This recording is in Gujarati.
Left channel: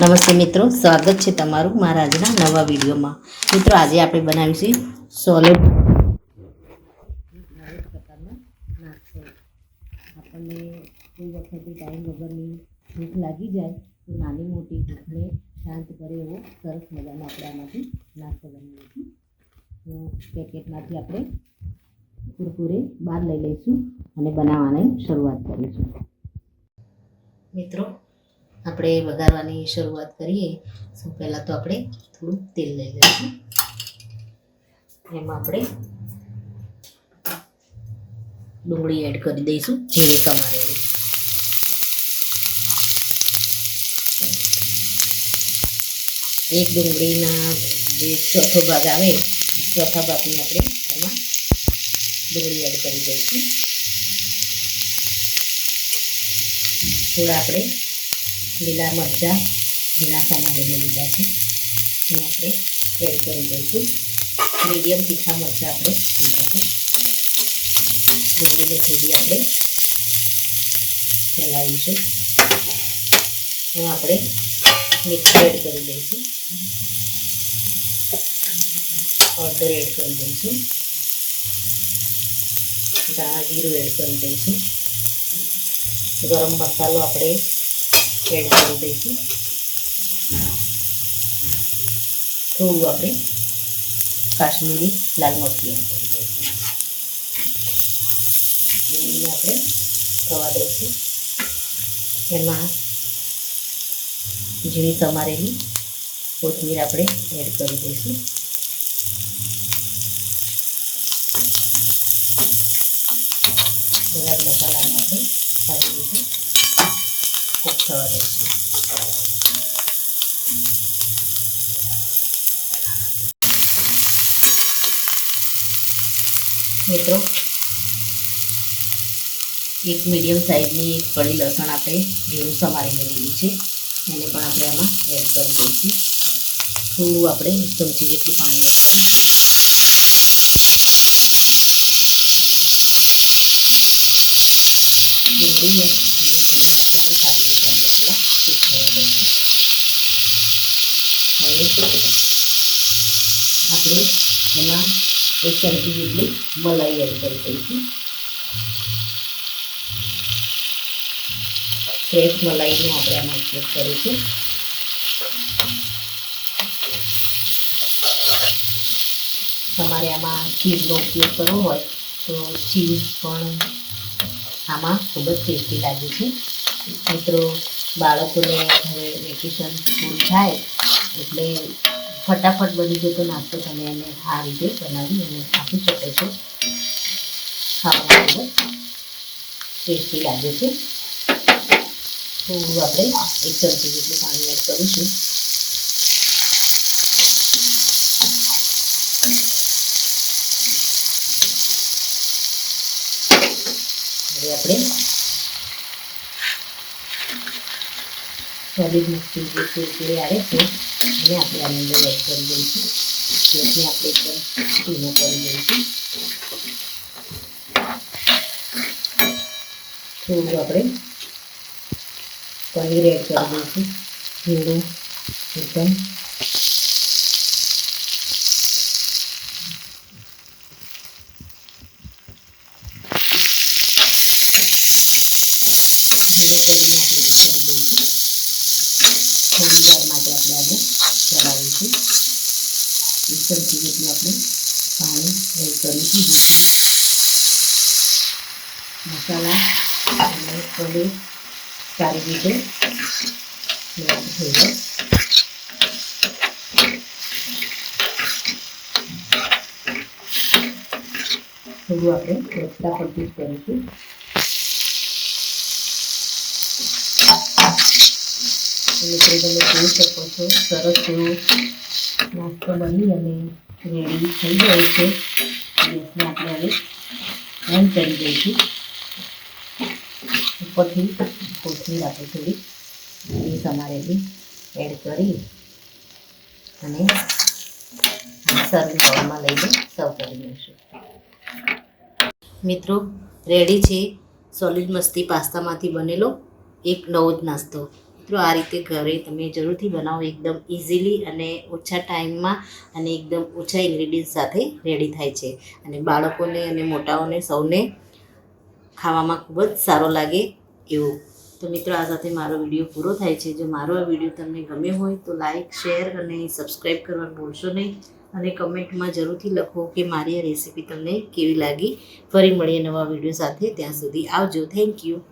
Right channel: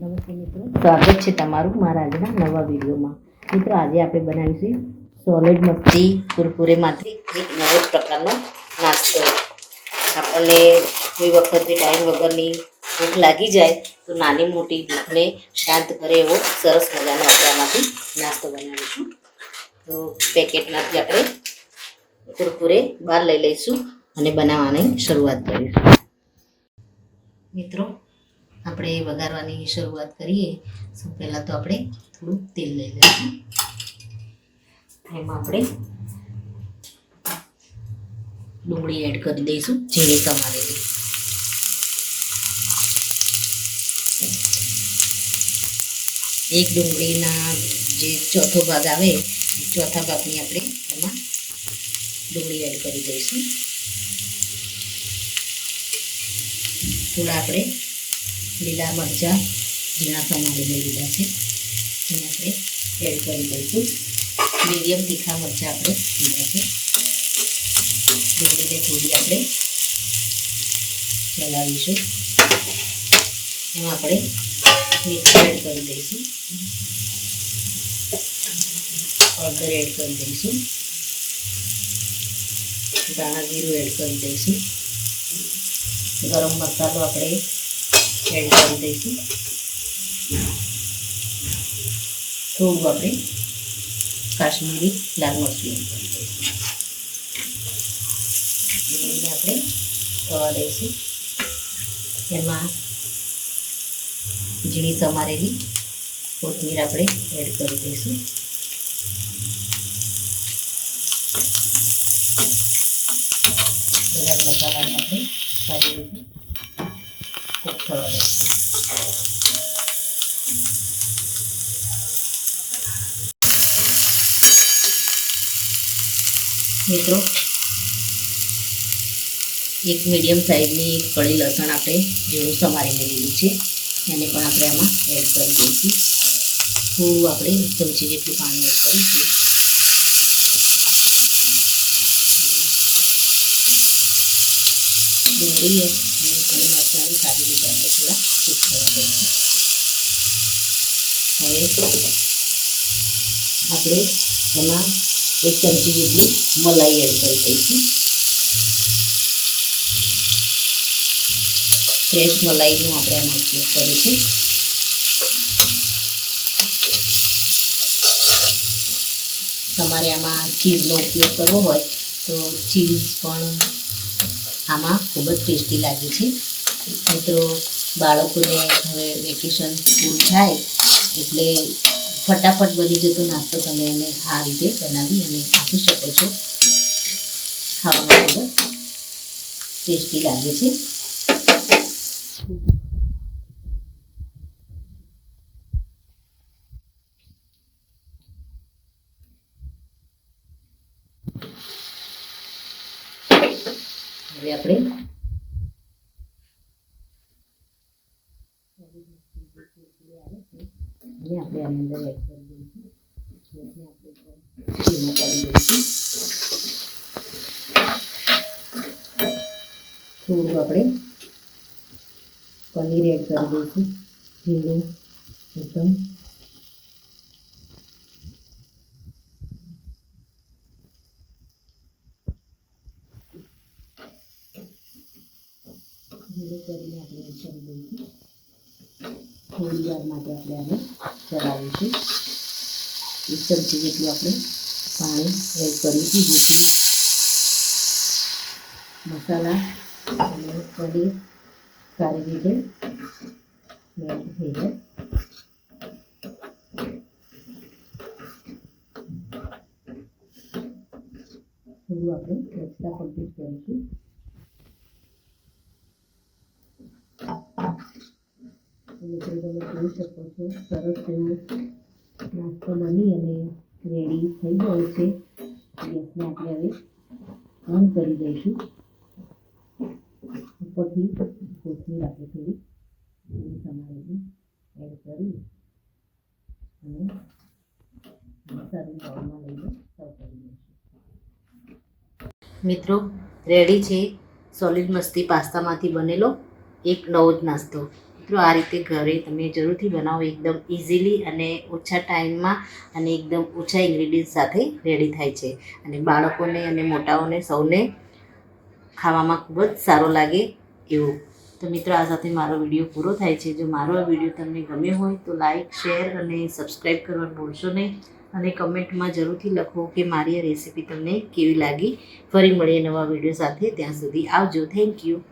નમસ્તે મિત્રો, સ્વાગત છે તમારું મારા આજના નવા વિડીયોમાં. મિત્રો, આજે આપણે બનાવીશું સોલિડ મગથી કુરકુરેમાંથી એક નવો પ્રકારનો નાસ્તો. આપણને કોઈ વખતે ટાઈમ વગરની ભૂખ લાગી જાય તો નાની મોટી ભૂખને શાંત કરે એવો સરસ મજાનો આપણે આમાંથી નાસ્તો બનાવીશું. તો પેકેટમાંથી આપણે કુરકુરે બહાર લઈ લઈશું અને બનાવવાની શરૂઆત કરીશું. મિત્રો, આપણે વઘારવાની શરૂઆત કરીએ. સૌ પહેલાં તો આપણે થોડું તેલ લઈ લઈશું. એમાં આપણે ડુંગળી એડ કરી દઈશું, ઝીણી સમારેલી. એક ડુંગળીના જે ચોથો ભાગ આવે ચોથા ભાગની આપણે એમાં ડુંગળી એડ કરી દઈશું. થોડા આપણે લીલા મરચાં ઝીણા સમારીને લીધા છે એને આપણે એડ કરી દઈશું. મીડિયમ તીખા મરચાં આપણે લીધા છે. ડુંગળીને થોડી આપણે ચલાવીશું. એમાં આપણે મીઠું એડ કરી દઈશું, હળદર એડ કરી દઈશું, ધાણા જીરું એડ કરી દઈશું, ગરમ મસાલો આપણે એડ કરી દઈશું. થોડું આપણે કાશ્મીરી લાલ મરચું એડ કરી દઈશું. એને આપણે થવા દઈશું. એમાં ઝીણી સમારેલી કોથમીર આપણે એડ કરી દઈશું. બધા મસાલાને આપણે સારી રીતે કૂક થવા દઈશું. મિત્રો, એક મીડિયમ સાઈઝની એક કળી લસણ આપણે ઝીણું સમારીને લીધું છે, એને પણ આપણે આમાં એડ કરી દઈશું. થોડું આપણે 1 ચમચી જેટલું પાણી એડ કરીશું. ડુંગળી અને મસાલાને સારી રીતે આપણે થોડા કૂક થવા દઈશું. હવે આપણે એમાં 1 ચમચી જેટલી મલાઈ એડ કરી દઈશું. ફ્રેશ મલાઈનો આપણે આમાં ઉપયોગ કરીશું. તમારે આમાં ચીઝનો ઉપયોગ કરવો હોય તો ચીઝ પણ આમાં ખૂબ જ ટેસ્ટી લાગે છે. મિત્રો, બાળકોને હવે વેકેશન પૂરું થાય એટલે ફટાફટ બની જતો નાસ્તો તમે એને આ રીતે બનાવી અને આપી શકો છો. ખાવામાં ખૂબ જ ટેસ્ટી લાગે છે. થોડું આપણે 1 ચમચી જેટલું પાણી એડ કરીશું. હવે આપણે સોલિડ મગથી જે કુરકુરે આવે છે એને આપણે આની અંદર એડ કરી દઈશું. જેથી આપણે એકદમ ધીમો કરી દઈશું. થોડું આપણે પનીર એડ કરી દઈશું, ઝીણું એકદમ. ધીરે કરીને આપણે કરી દઈશું. થોડી વાર માટે આપણે આને ચલાવીશું. 1 ચમચી જેટલું આપણે પાણી એડ કરીશું, જેથી મસાલા અને પનીર સારી રીતે થઈ જાય. થોડું આપણે રસ્તા પરથી જ કરીશું. મિત્રો, તમે જોઈ શકો છો સરસ એવો નાસ્તો બની અને રેડી થઈ ગયો છે. ગેસને આપણે હવે બંધ કરી દઈશું. ઉપરથી કોથમીર આપણે થોડી સમારેલી એડ કરી અને સર્વિંગ બાઉલમાં લઈને સર્વ કરી દઈશું. મિત્રો, રેડી છે સોલિડ મસ્તી પાસ્તામાંથી બનેલો એક નવો જ નાસ્તો. મિત્રો આ રીતે ઘરે તમે જરૂરથી બનાવો, એકદમ ઇઝીલી અને ઓછા ટાઈમમાં અને એકદમ ઓછા ઇન્ગ્રીડિયન્ટ સાથે રેડી થાય છે અને બાળકોને અને મોટાઓને સૌને ખાવામાં ખૂબ જ સારો લાગે એવું. તો મિત્રો આ સાથે મારો વિડીયો પૂરો થાય છે. જો મારો આ વિડીયો તમને ગમ્યો હોય તો લાઈક, શેર અને સબસ્ક્રાઈબ કરવાનું ભૂલશો નહીં અને કમેન્ટમાં જરૂરથી લખો કે મારી આ રેસીપી તમને કેવી લાગી. ફરી મળીએ નવા વિડીયો સાથે. ત્યાં સુધી આવજો. Thank you.